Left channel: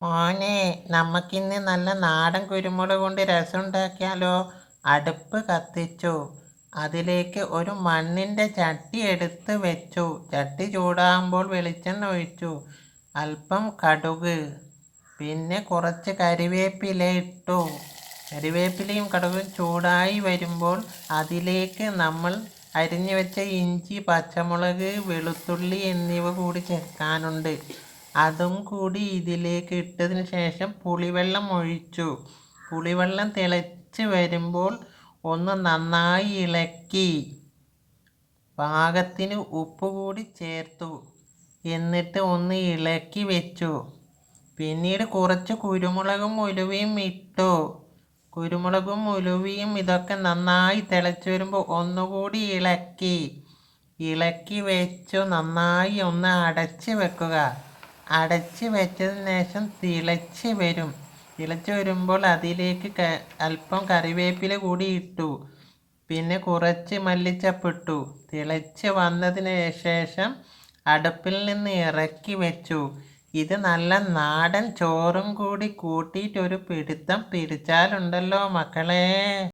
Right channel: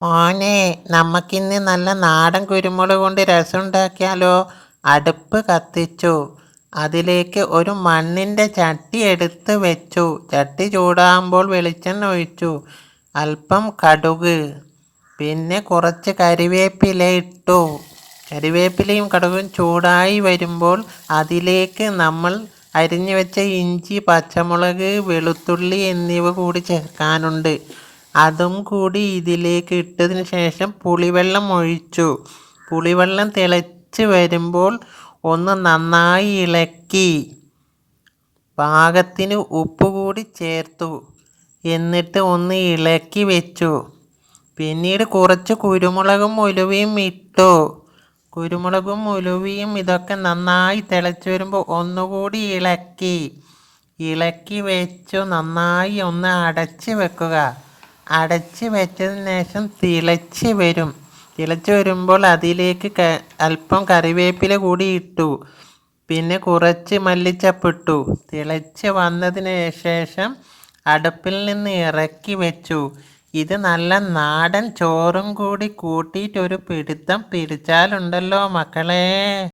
മോനെ നമുക്കിന്ന് നല്ല നാടൻ കുരുമുളക് കൊണ്ട് രസം ഉണ്ടാക്കിയാലോ അടുപ്പ് കത്തിച്ചു. അതിലേക്ക് ഒരു മണ്ണിന്റെ ചട്ടി എടുത്ത് വെച്ചു. ചട്ടി ചൂടാകുമ്പോൾ വെളിച്ചെണ്ണ ഒഴിച്ചു. അല്പം കടുക്. പിന്നെ കുറച്ച് കരിവേപ്പില ഇട്ടു. കരിവേപ്പിലയും കടുകും ചൂടായി വരുമ്പോൾ അതിലേക്ക് നമ്മൾ അരിഞ്ഞു വെച്ച ഇഞ്ചി പച്ചമുളക് വെളുത്തുള്ളി എന്നിവ കൂടി ചേർക്കാനുണ്ട്. അതും കൂടി ഇതിലേക്ക് ഇട്ടതിന് ശേഷം പുളിവെള്ളം ഒഴിച്ചു. പുളിവെള്ളം തിളച്ച് വരുമ്പോൾ ഒന്ന് നന്നായി ഇളക്കി. പാകത്തിന് ഉപ്പ് കൂടി ചേർത്തു. എന്നിട്ട് ഒന്ന് ഇളക്കി വെച്ചു. പിന്നീട് കുറച്ച് കുരുമുളകും ഉലുവയും ഇട്ടു. കുരുമുളകും ഉലുവയും ഇതൊക്കെ നന്നായി തിളച്ച് വരുമ്പോൾ ഒന്നുകൂടി ഇളക്കി. ഇളക്കി വെച്ചു. നന്നായി ഒന്ന് അടച്ച് വെക്കുക. അടച്ച് വെച്ചതിന് ശേഷം തിളച്ച് വരും. തിളച്ച് വരുമ്പോൾ അതിലേക്ക് അല്പം കറിവേപ്പില കൂടി ഇട്ടു. പിന്നെ കുറച്ച് മല്ലിച്ചപ്പിട്ടു തിളച്ച് വന്നതിന് ശേഷം അടുപ്പിൽ നിന്ന് ഇറക്കി വെച്ചു. ഇത് നല്ല നാടൻ ചോറും കൂടി കൂട്ടിയിട്ടൊരു പിടുത്തം പിടിച്ചാലുണ്ടല്ലോ മക്കളെ.